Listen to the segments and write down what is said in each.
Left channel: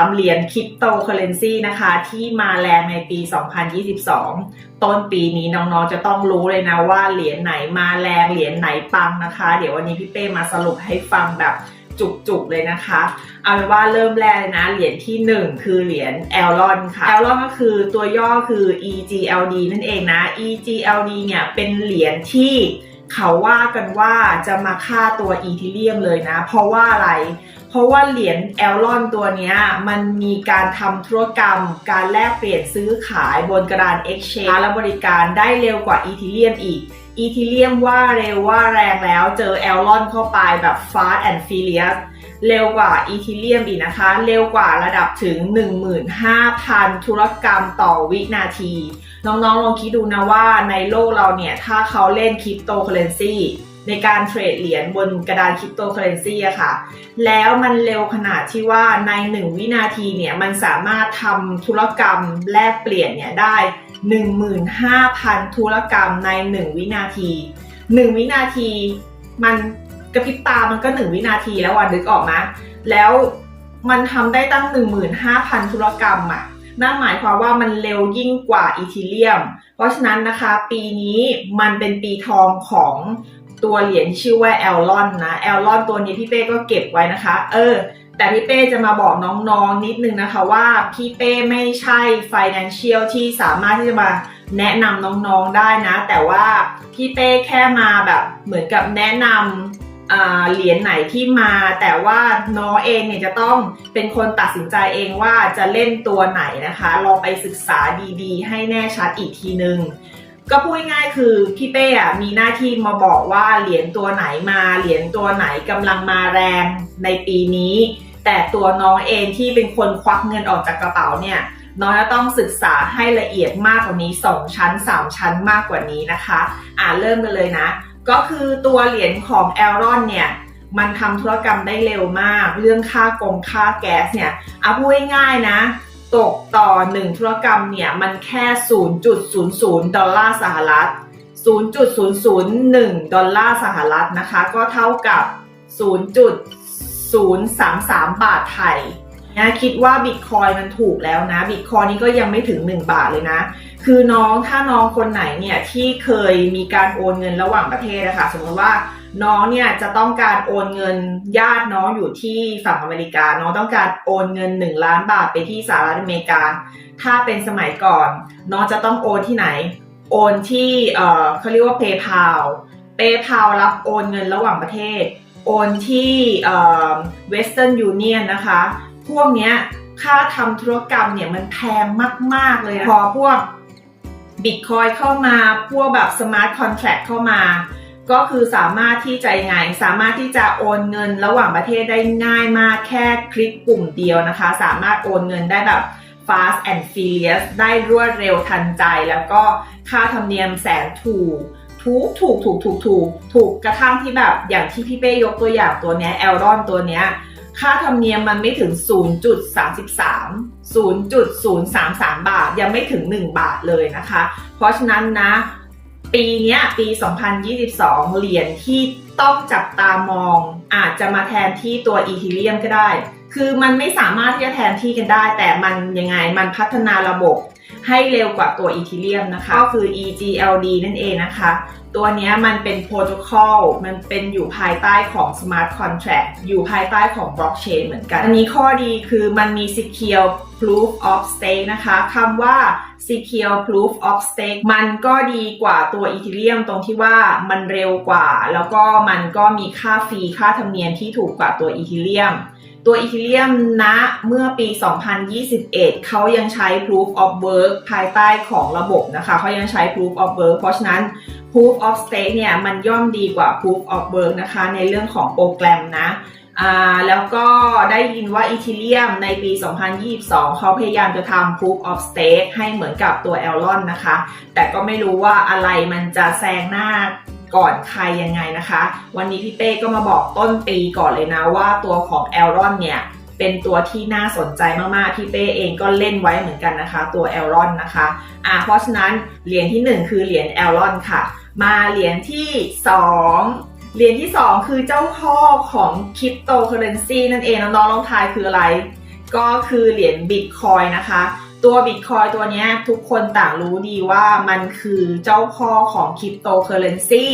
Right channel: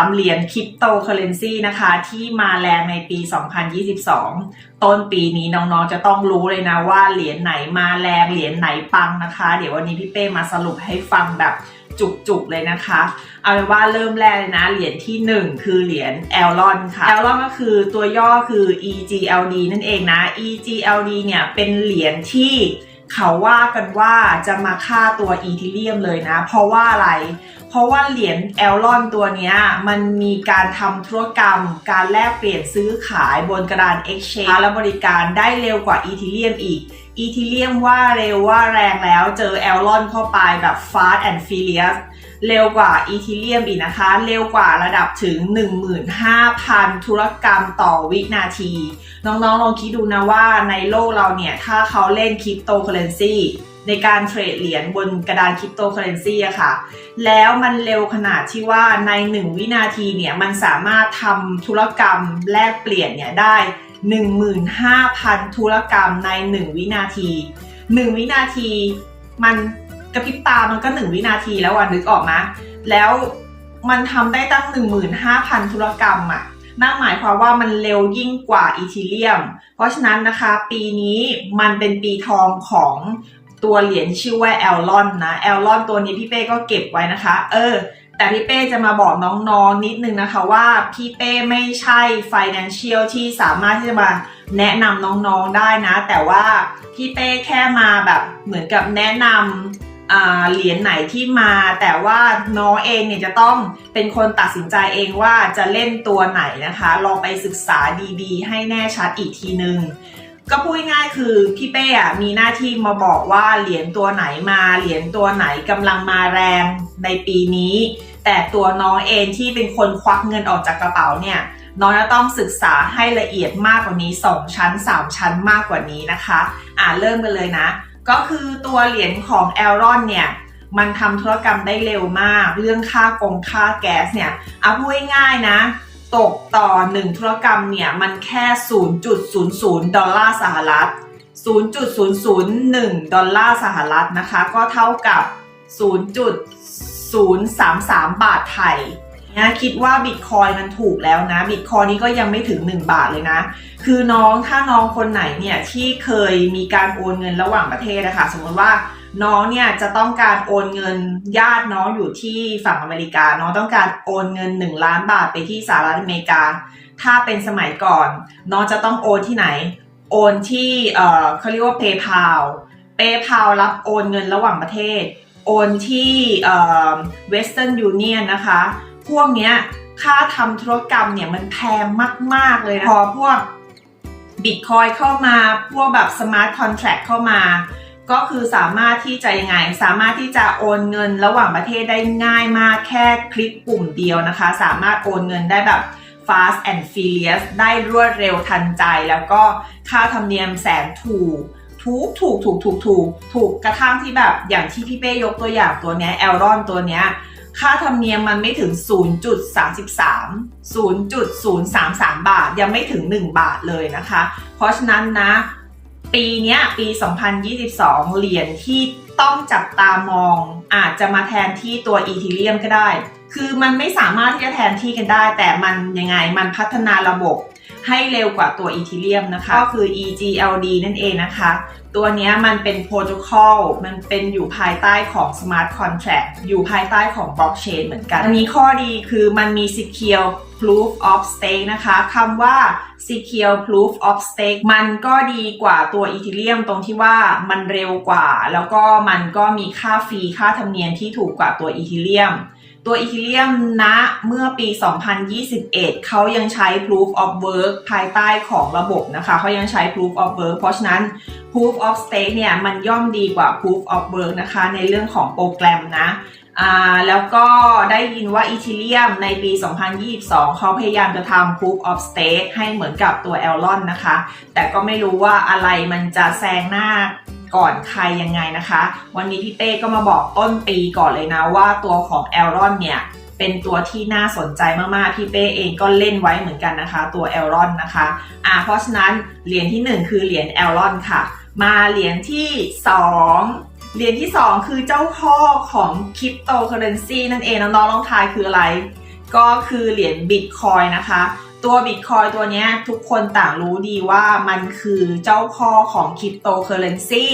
ามเหรียญคริปโตเคอเรนซีนะคะ ที่มาแรงในปี 2022 ต้นปีนี้น้องๆจะต้องรู้เลยนะว่าเหรียญไหนมาแรงเหรียญไหนปังนะคะ เดี๋ยววันนี้พี่เป้มาสรุปให้ฟังแบบจุกๆเลยนะคะ เอาเป็นว่าเริ่มแรกเลยนะ เหรียญที่ 1 คือเหรียญแอลลอนค่ะแอลลอนก็คือตัวย่อคือ EGLD นั่นเองนะ EGLD เนี่ยเป็นเหรียญที่ เขาว่ากันว่าจะมาฆ่าตัวอีทิเลียมเลยนะ เพราะว่าอะไร เพราะว่าเหรียญแอลลอนตัวนี้มันมีการทำธุรกรรม การแลกเปลี่ยนซื้อขายบนกระดาน Exchange และบริการได้เร็วกว่าอีทิเลียมอีกอีทิเลียมว่าเร็วว่าแรงแล้วเจอแอลลอนเข้าไปแบบ fast and furious เร็วกว่าอีทิเลียมอีกนะคะ เร็วกว่าระดับถึง 15,000 ธุรกรรมต่อวินาที น้องๆลองคิดดูนะว่าในโลกเราเนี่ย ถ้าเขาเล่นคริปโตเคอเรนซีในการเทรดเหรียญบนกระดานคริปโตเคอเรนซีอะค่ะ แล้วมันเร็วขนาดที่ว่าใน 1 วินาทีเนี่ย มันสามารถทำธุรกรรมแลกเปลี่ยนเนี่ยได้ 15,000 ธุรกรรมใน 1 วินาที 1 วินาทีมัน กระพริบตามันก็1วินาทีแล้ววันนึกออกนะ แล้วมันทำได้ตั้ง 15,000 ธุรกรรมอะนั่นหมายความว่ามันเร็วยิ่งกว่าอีทีเรียม เพราะฉะนั้นนะคะ ปีนี้มันเป็นปีทองของตัวเหรียญชื่อว่าแอลลอนนะแอลลอนตัวนี้พี่เป้ก็เก็บไว้นะคะ เออ แต่พี่เป้จะมาบอกน้องๆนิดนึงนะคะว่าพี่เป้ไม่ใช่ financial ที่สามารถที่จะมาแนะนำน้องๆได้นะ แต่ว่าพี่เป้แค่มาแบบเหมือนกับแนะนำ เหรียญไหนที่มา แต่ว่าน้องเองเนี่ยจะต้องเป็นคนตัดสินใจเองว่าจะเล่นตัวไหนนะคะลองไปศึกษาดีๆ ให้แน่ชัดอีกทีนึงก็พูดง่ายคือพี่เป้อะมีหน้าที่มาบอกว่าเหรียญตัวไหนมาเหรียญตัวไหนกำลังมาแรงในปีนี้ แต่ตัวน้องเองที่เป็นคนควักเงินออกจากกระเป๋าเนี่ยน้องจะต้องศึกษาให้ละเอียดมากกว่านี้ 2 ชั้น 3 ชั้นมากกว่านี้นะคะ อ่าเริ่มกันเลยนะ ก็คือตัวเหรียญของแอลรอนเนี่ยมันทำธุรกรรมได้เร็วมาก เรื่องค่ากงค่าแก๊สเนี่ยเอาพูดง่ายๆนะ ตกต่อ 1 ธุรกรรมเนี่ย มันแค่ 0.00 ดอลลาร์สหรัฐ 0.001 ดอลลาร์สหรัฐนะคะ ก็เท่ากับ 0.033 บาทไทยนะคิดว่าบิตคอยมันถูกแล้วนะบิตคอยนี้ก็ยังไม่ถึง 1 บาทเลยนะ คือน้องถ้าน้องคนไหนเนี่ยที่เคยมีการโอนเงินระหว่างประเทศนะคะสมมติว่าน้องเนี่ยจะต้องการโอนเงินญาติน้องอยู่ที่ฝั่งอเมริกา น้องต้องการโอนเงิน 1 ล้านบาทไปที่สหรัฐอเมริกา ถ้าเป็นสมัยก่อน น้องจะต้องโอนที่ไหน โอนที่เอ่อเขาเรียกว่า PayPal PayPal รับโอนเงินระหว่างประเทศ โอนที่เอ่อ Western Union นะคะ พวกเนี้ยค่าทำธุรกรรมเนี่ยมันแพงมาก ๆ เลย พอพวก Bitcoin เข้ามาพวกแบบ Smart Contract เข้ามา ก็คือสามารถที่จะยังไงสามารถที่จะโอนเงินระหว่างประเทศได้ง่ายมากแค่คลิกปุ่มเดียวนะคะ สามารถโอนเงินได้แบบ fast and furious ได้รวดเร็วทันใจ แล้วก็ค่าธรรมเนียมแสนถูกถูกถูกถูกถูกถูกถูกกระทั่งที่แบบอย่างที่พี่เป้ยกตัวอย่างตัวเนี้ยแอลรอนตัวเนี้ย ค่าธรรมเนียมมันไม่ถึง 0.33 0.033 บาท ยังไม่ถึง 1 บาทเลยนะคะ เพราะฉะนั้นนะ ปีนี้ปี 2022 เหรียญที่ต้องจับตามองอาจจะมาแทนที่ตัวอีทีเรียมก็ได้ คือมันไม่สามารถที่จะแทนที่กันได้ แต่มันยังไงมันพัฒนาระบบให้เร็วกว่าตัวอีทีเรียมนะคะ ก็คือ EGLD นั่นเองนะคะ ตัวนี้มันเป็นโปรโตคอลมันเป็นอยู่ภายใต้ของ Smart Contract อยู่ภายใต้ของ Blockchain เหมือนกัน อันนี้ข้อดีคือมันมี Secure Proof of Stake นะคะคำว่า Secure Proof of Stake มันก็ดีกว่าตัว Ethereum ตรงที่ว่ามันเร็วกว่า แล้วก็มันก็มีค่าฟรีค่าธรรมเนียมที่ถูกกว่าตัว Ethereum ตัว Ethereum ณเมื่อปี 2021 เขายังใช้ Proof of Work ภายใต้ของระบบนะคะ เขายังใช้ Proof of Work เพราะฉะนั้น Proof of Stake เนี่ยมันย่อมดีกว่า Proof of Work นะคะ ในเรื่องของโปรแกรมนะแล้วก็ได้ยินว่า Ethereum ในปี 2022 เขาพยายามจะทำ Proof of Stake ให้เหมือนกับตัว Elrond นะคะ แต่ก็ไม่รู้ว่าอะไรมันจะแซงหน้าก่อนใครยังไงนะคะ วันนี้พี่เป้ก็มาบอกต้นปีก่อนเลยนะว่าตัวของ e l r o n เนี่ยเป็นตัวที่น่าสนใจมาก ๆ พี่เป้เองก็เล่นไว้เหมือนกันนะคะ ตัว e l r o n นนะคะอ่าเพราะฉะนั้นเหรียญที่ 1 คือเหรียญ e l r o n ค่ะ มาเหรียญที่ 2 เหรียญที่ 2 คือเจ้าพ่อของคริปโตเคอเรนซีนั่นเองน้องๆลองทายคืออะไร ก็คือเหรียญบิตคอยนะคะ ตัวบิตคอยตัวนี้ทุกคนต่างรู้ดีว่ามันคือเจ้าพ่อของคริปโตเคอเรนซี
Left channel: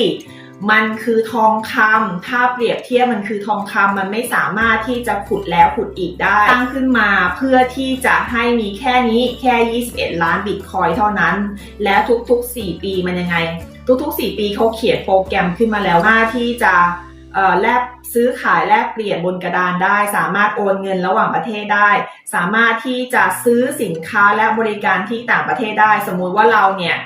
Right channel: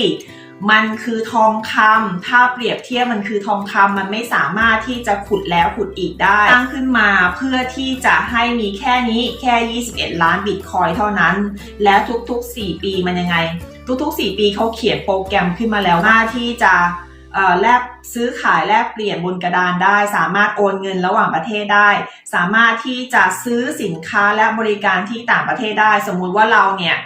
มันคือทองคำ ถ้าเปรียบเทียบมันคือทองคำ มันไม่สามารถที่จะขุดแล้วขุดอีกได้ ตั้งขึ้นมาเพื่อที่จะให้มีแค่นี้แค่ 21 ล้านบิตคอยเท่านั้น และทุกๆ 4 ปีมันยังไง ทุกๆ 4 ปีเขาเขียนโปรแกรมขึ้นมาแล้วว่าที่จะแลกซื้อขายแลกเปลี่ยนบนกระดานได้ สามารถโอนเงินระหว่างประเทศได้ สามารถที่จะซื้อสินค้าและบริการที่ต่างประเทศได้ สมมุติว่าเราเนี่ย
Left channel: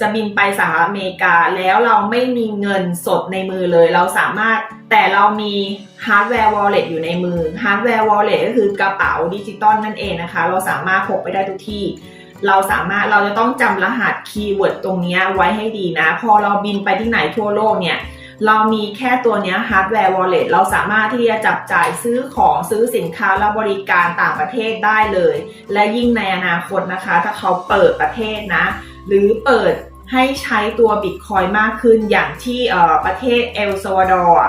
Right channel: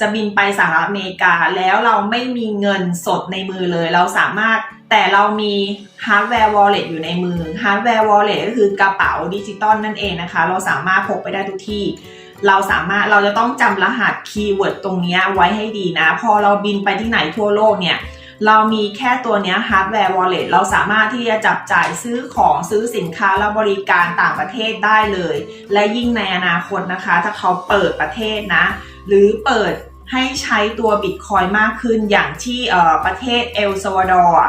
จะบินไปสหรัฐอเมริกาแล้วเราไม่มีเงินสดในมือเลย เราสามารถแต่เรามีฮาร์ดแวร์วอลเล็ตอยู่ในมือฮาร์ดแวร์วอลเล็ตก็คือกระเป๋าดิจิตอลนั่นเองนะคะ เราสามารถพกไปได้ทุกที่ เราสามารถเราจะต้องจำรหัสคีย์เวิร์ดตรงนี้ไว้ให้ดีนะ พอเราบินไปที่ไหนทั่วโลกเนี่ย เรามีแค่ตัวนี้ฮาร์ดแวร์วอลเล็ตเราสามารถที่จะจับจ่ายซื้อของซื้อสินค้าและบริการต่างประเทศได้เลย และยิ่งในอนาคตนะคะ ถ้าเขาเปิดประเทศนะ หรือเปิดให้ใช้ตัวบิตคอยมากขึ้นอย่างที่ประเทศเอลซาวาดอร์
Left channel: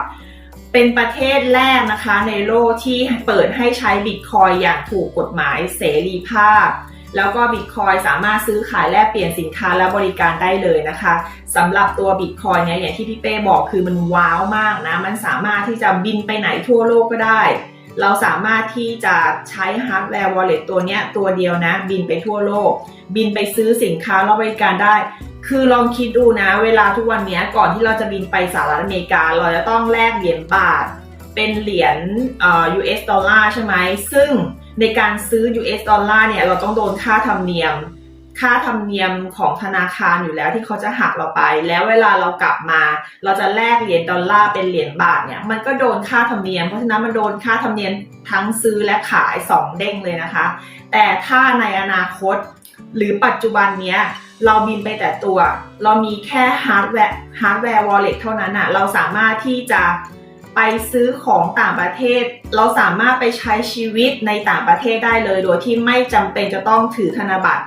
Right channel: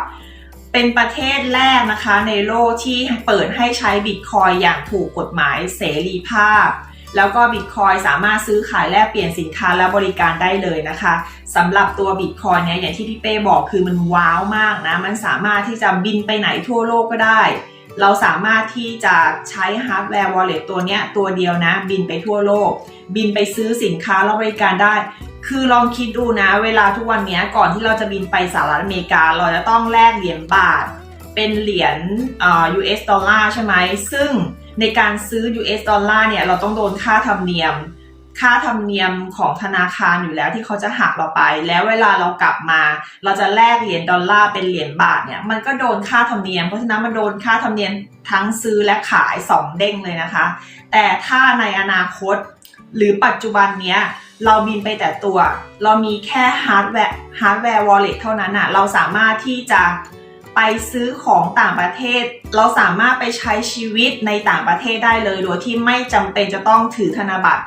เป็นประเทศแรกนะคะในโลกที่เปิดให้ใช้บิตคอยอย่างถูกกฎหมายเสรีภาพ แล้วก็บิตคอยสามารถซื้อขายแลกเปลี่ยนสินค้าและบริการได้เลยนะคะสำหรับตัวบิตคอยเนี่ยอย่างที่พี่เป้บอกคือมันว้าวมากนะมันสามารถที่จะบินไปไหนทั่วโลกก็ได้ เราสามารถที่จะใช้ฮาร์ดแวร์วอลเล็ตตัวเนี้ยตัวเดียวนะบินไปทั่วโลก บินไปซื้อสินค้าและบริการได้ คือลองคิดดูนะ เวลาทุกวันนี้ก่อนที่เราจะบินไปสหรัฐอเมริกา เราจะต้องแลกเหรียญบาทเป็นเหรียญอ่อ US ดอลลาร์ใช่ไหมซึ่ง ในการซื้อ US ดอลลาร์เนี่ยเราต้องโดนค่าธรรมเนียม ค่าธรรมเนียมของธนาคารอยู่แล้วที่เขาจะหักเราไป แล้วเวลาเรากลับมา เราจะแลกเหรียญดอลลาร์เป็นเหรียญบาทเนี่ยมันก็โดนค่าธรรมเนียม เพราะฉะนั้นมันโดนค่าธรรมเนียมทั้งซื้อและขาย 2 เด้งเลยนะคะ แต่ถ้าในอนาคต หรือปัจจุบันเนี้ยเราบินไปแต่ตัว เรามีแค่ฮาร์ดแวร์ฮาร์ดแวร์วอลเล็ตเท่านั้นอะเราสามารถที่จะ ไปซื้อของต่างประเทศ เราสามารถไปใช้ชีวิตในต่างประเทศได้เลย โดยที่ไม่จำเป็นจะต้องถือธนบัตร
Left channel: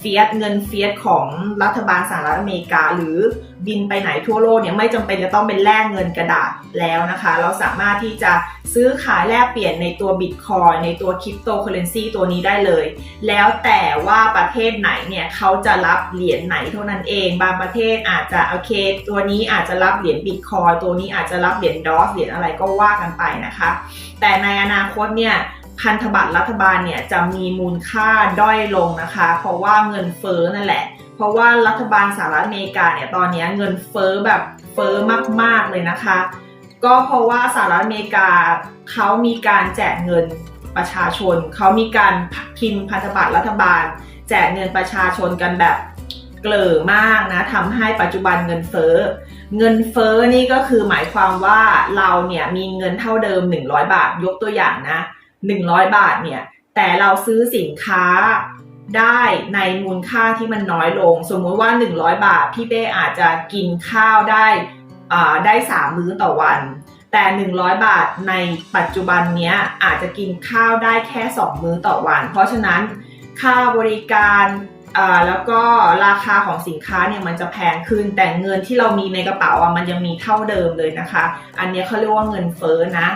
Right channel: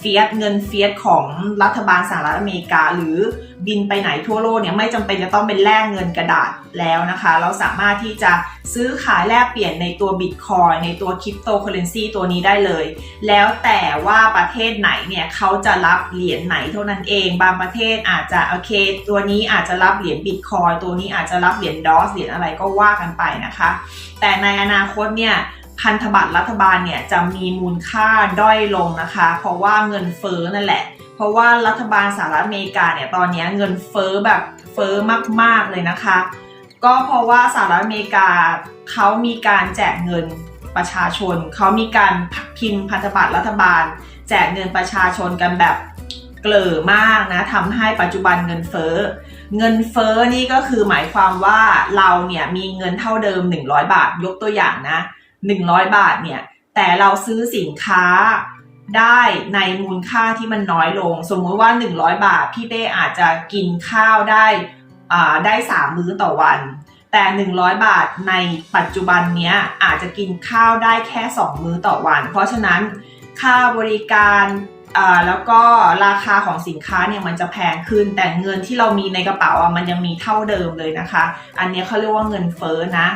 ฟียสเงินเฟียสของรัฐบาลสหรัฐอเมริกา หรือบินไปไหนทั่วโลกเนี่ยไม่จำเป็นจะต้องเป็นแลกเงินกระดาษแล้วนะคะ เราสามารถที่จะซื้อขายแลกเปลี่ยนในตัวบิตคอยในตัวคริปโตเคอเรนซีตัวนี้ได้เลย แล้วแต่ว่าประเทศไหนเนี่ยเขาจะรับเหรียญไหนเท่านั้นเอง บางประเทศอาจจะโอเค ตัวนี้อาจจะรับเหรียญบิตคอยตัวนี้อาจจะรับเหรียญดอสเหรียญอะไรก็ว่ากันไปนะคะ แต่ในอนาคตเนี่ย พันธบัตรรัฐบาลเนี่ยจะมีมูลค่าด้อยลงนะคะ เพราะว่าเงินเฟ้อนั่นแหละ เพราะว่ารัฐบาลสหรัฐอเมริกาเนี่ยตอนนี้เงินเฟ้อแบบเฟ้อมากๆเลยนะคะ ก็เพราะว่าสหรัฐอเมริกาเขามีการแจกเงินประชาชน เขามีการพิมพ์พันธบัตรรัฐบาล แจกเงินประชาชนกันแบบเกลือมากนะทำให้ปัจจุบันเงินเฟ้อเงินเฟ้อนี่ก็คือหมายความว่าเราเนี่ยมีเงินเท่าเดิม 100 บาทยกตัวอย่างนะ 100 บาทเนี่ย แต่เราซื้อสินค้าได้ในมูลค่าที่มันน้อยลง สมมติว่า 100 บาท พี่เป้อาจจะกินข้าวได้ได้3มื้อต่อวัน แต่ 100 บาทในปัจจุบันเนี้ยอาจจะกินข้าวได้แค่ 2 มื้อต่อวัน เพราะฉะนั้นค่าบริการแล้วก็ราคาของสินค้าเนี่ยมันจะแพงขึ้น แต่เงินที่เรามีในกระเป๋าอะมันยังมีเท่าเดิมเลยนะคะ อันนี้เขาเรียกว่าเงินเฟ้อนะ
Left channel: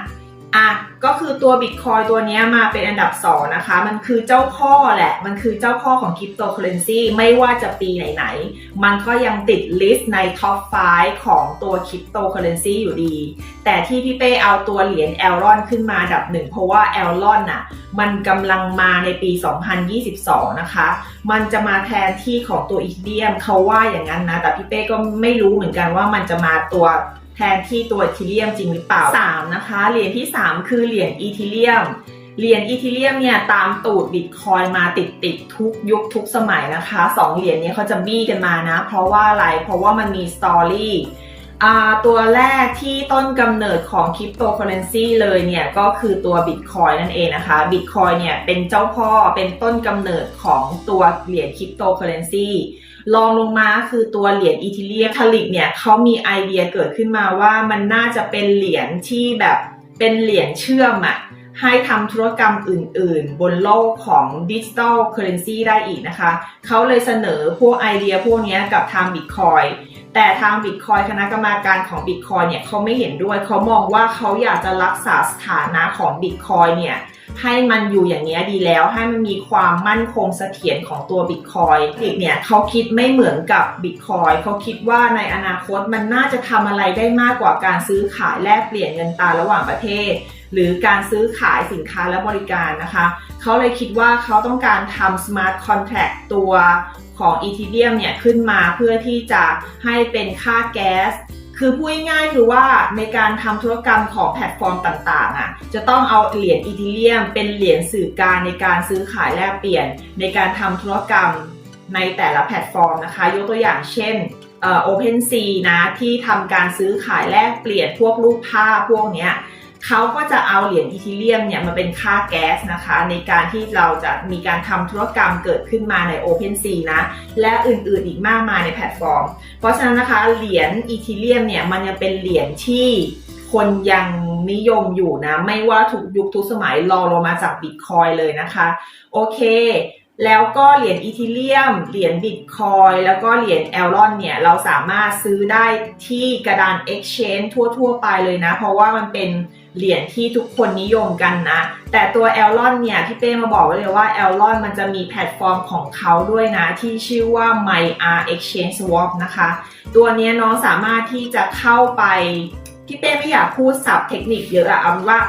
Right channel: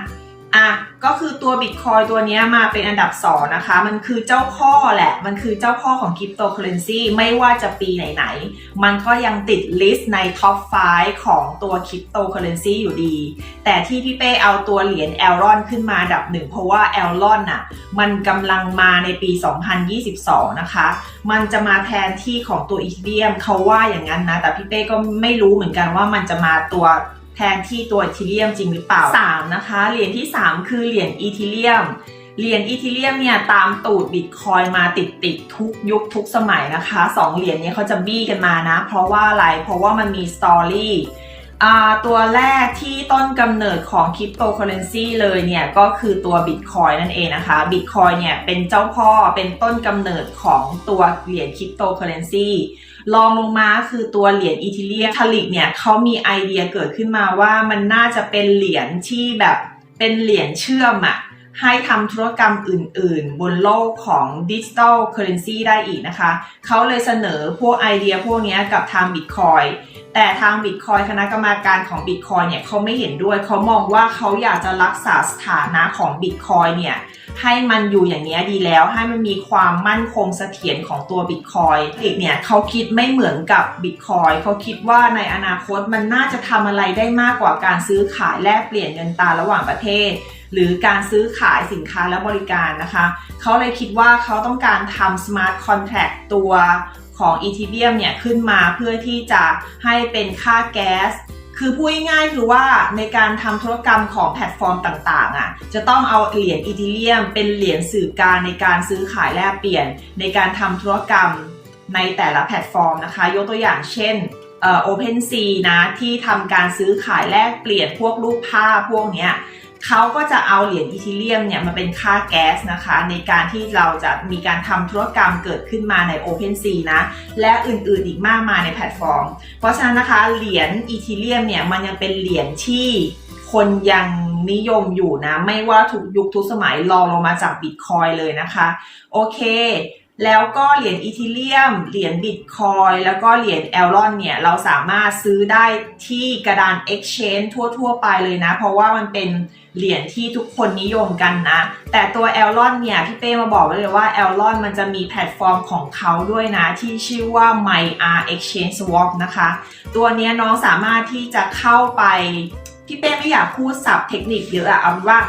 อะก็คือตัวบิตคอยตัวนี้มาเป็นอันดับ 2 นะคะ มันคือเจ้าพ่อแหละ มันคือเจ้าพ่อของคริปโตเคอเรนซีไม่ว่าจะปีไหนๆ มันก็ยังติดลิสต์ในท็อป 5 ของตัวคริปโตเคอเรนซีอยู่ดี แต่ที่พี่เป้เอาตัวเหรียญแอลรอนขึ้นมาอันดับหนึ่งเพราะว่าแอลรอนน่ะมันกำลังมาในปี 2022 นะคะ มันจะมาแทนที่ของตัวอีเดียมเขาว่าอย่างนั้นนะ แต่พี่เป้ก็ไม่รู้เหมือนกันว่ามันจะมาตัว แทนที่ตัวอีทีเรียมจริงหรือเปล่า 3 นะคะ เหรียญที่ 3 คือเหรียญอีทีเรียม เหรียญอีทีเรียมเนี่ยตามตูดบิตคอยมาติดติดๆทุกยุคทุกสมัยนะคะ 2 เหรียญนี้เขาจะบี้กันมานะ เพราะว่าอะไร เพราะว่ามันมีสตอรี่ตัวแรกที่ต้นกำเนิดของคริปโตเคอเรนซีเลยเนี่ยก็คือตัวบิตคอยนั่นเองนะคะบิตคอยเนี่ยเป็นเจ้าพ่อเป็นต้นกำเนิดของตัวเหรียญคริปโตเคอเรนซี ลองลงมาคือตัวเหรียญอีทิเลียทลิกเนี่ยเขามีไอเดียเกิดขึ้นมาว่ามันน่าจะเป็นเหรียญที่แบบเป็นเหรียญเชื่อมอะ ให้ทำธุรกรรมอื่น ๆ บนโลกของดิจิ t a ลเคอร์เรนซีได้อีกนะคะ เขาเลยเสนอพวกไอเดียพวกนี้กับทางบิตคอยแต่ทาง Bitcoin คณะกรรมการของ Bitcoin เนี่ยเขาไม่เห็นด้วย เขามองว่าเขาอยากจะรักษาสถานะของ Bitcoin เนี่ยให้มันอยู่อย่างนี้ดีแล้ว ให้มันมีความมั่นคงเสถียรของตัว Bitcoin อีกเนี่ยเขาคิดไม่เหมือนกับ Bitcoin เขาคิดว่าในอนาคตมันน่าจะทำอะไรได้มากกว่าการซื้อขายแลกเปลี่ยนเงินตราระหว่างประเทศ หรือการซื้อขายสินค้าและบริการนะคะ เขาเลยคิดว่าเขาต้องการทำ smart contract ตัวของ Ethereum เนี่ยขึ้นมาเพื่อที่จะให้เป็นค่าแก๊ส คือพูดง่ายๆคือว่าในการทำธุรกรรมของแพลตฟอร์มต่างๆอะจะต้องเอาเหรียญอีทีเรียมเป็นเหรียญสื่อกางในการซื้อขายแลกเปลี่ยน ในการทำธุรกรรมในแต่ละแพลตฟอร์มนะคะ ยกตัวอย่างเช่นเอ่อ OpenSea นะที่ทำการซื้อขายแลกเปลี่ยนพวกรูปภาพพวกเนี้ย เขาก็จะเอาเหรียญอีทีเรียมเนี่ยมาเป็นค่าแก๊สนะคะ ในการที่เราจะมีการทำธุรกรรมเกิดขึ้นมาใน OpenSea นะ และอื่นๆอีกมากมายในแพลตฟอร์ม เพราะฉะนั้นนะคะเหรียญอีทีเรียมเนี่ยมันยังเป็นเหรียญที่คนยังนิยมอยู่นะ ไม่ว่าทุกยุคทุกสมัยรอลงมาจากบิตคอยเลยนะคะ โอเคแล้วก็เหรียญอีทีเรียม เหรียญบิตคอยแล้วก็เหรียญแอลลอนเนี่ย เราสามารถซื้อได้ที่กระดาน Exchange ทั่ว ๆ ไปเลยนะ เพราะว่ามันเป็น เหรียญที่ทุกคนนิยมกันนะ แต่ตัวแอลลอนเนี่ย พี่เป้มาบอกไว้เลยว่าแอลลอนมันจะมีแพลตฟอร์มของเขาด้วยนะ ที่ชื่อว่า MyR Exchange Swap นะคะ ตัวนี้น้องสามารถที่จะเข้าไป พี่เป้ไม่อยากพูดศัพท์เทคนิคเยอะอะเอาเป็นว่า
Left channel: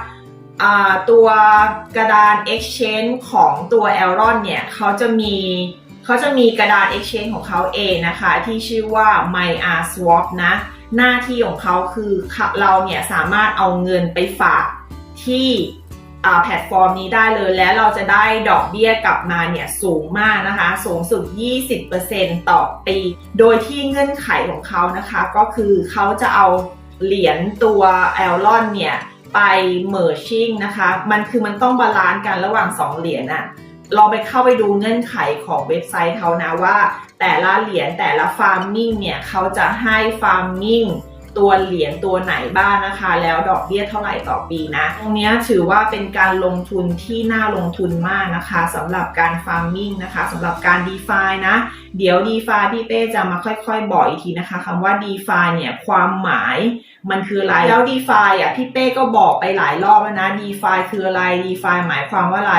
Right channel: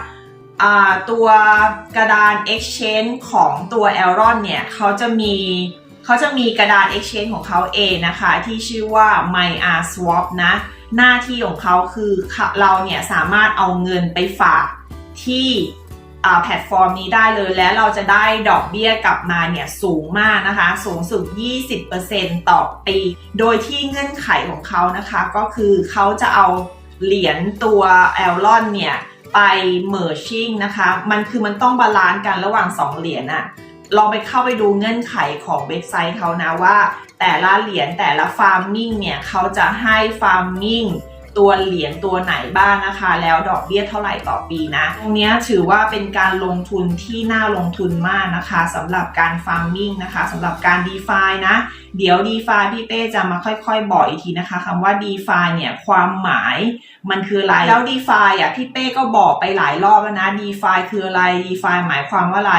ตัวกระดาน exchange ของตัว e l r o n เนี่ยเขาจะมีเขาจะมีกระดาน exchange ของเขาเองนะคะ ที่ชื่อว่า MyR Swap นะ หน้าที่ของเขาคือเราเนี่ยสามารถเอาเงินไปฝากที่แพลตฟอร์มนี้ได้เลย และเราจะได้ดอกเบี้ยกลับมาเนี่ยสูงมากนะคะ สูงสุด 20%ต่อปี โดยที่เงื่อนไขของเขานะคะ ก็คือเขาจะเอาเหรียญตัว e l r o n เนี่ยไป merging นะคะ มันคือมันต้องบาลานซ์กันระหว่าง 2 เหรียญอะ ลองไปเข้าไปดูเงื่อนไขของเว็บไซต์เขานะว่า แต่ละเหรียญแต่ละ farming เนี่ยเขาจะให้ farming ตัวเหรียญตัวไหนบ้างนะคะ แล้วดอกเบี้ยเท่าไหร่ต่อปีนะตรงนี้ถือว่าเป็นการลงทุนที่น่าลงทุนมากนะคะสำหรับการ farming นะคะสำหรับการ DeFi นะ เดี๋ยว DeFi พี่เป้จะมาค่อยๆ บอกอีกทีนะคะคำว่า DeFi เนี่ยความหมายมันคืออะไร แล้ว DeFi อะพี่เป้ก็บอกไปหลายรอบแล้วนะ DeFi คืออะไร DeFi หมายความว่าอะไร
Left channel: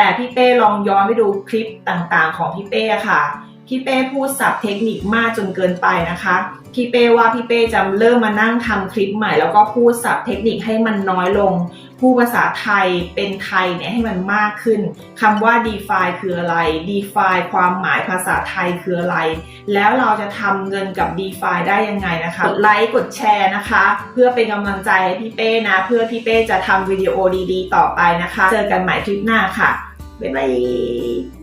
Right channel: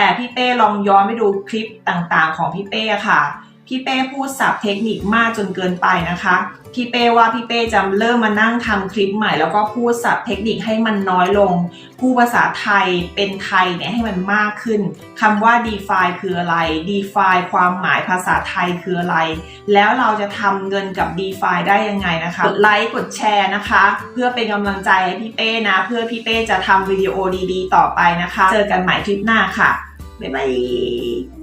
แต่พี่เป้ลองย้อนไปดูคลิปต่างๆ ของพี่เป้ค่ะ พี่เป้พูดศัพท์เทคนิคมากจนเกินไปนะคะ พี่เป้ว่าพี่เป้จะเริ่มมานั่งทำคลิปใหม่ แล้วก็พูดศัพท์เทคนิคให้มันน้อยลง พูดภาษาไทยเป็นไทยเนี่ยให้มันมากขึ้นคำว่า DeFi คืออะไร DeFi ความหมายภาษาไทยคืออะไร แล้วเราจะทำเงินกับ DeFi ได้ยังไงนะคะกดไลค์กดแชร์นะคะ เพื่อเป็นกำลังใจให้พี่เป้นะ เพื่อพี่เป้จะทำวิดีโอดีๆ ต่อไปนะคะ เจอกันใหม่คลิปหน้าค่ะ บ๊ายบาย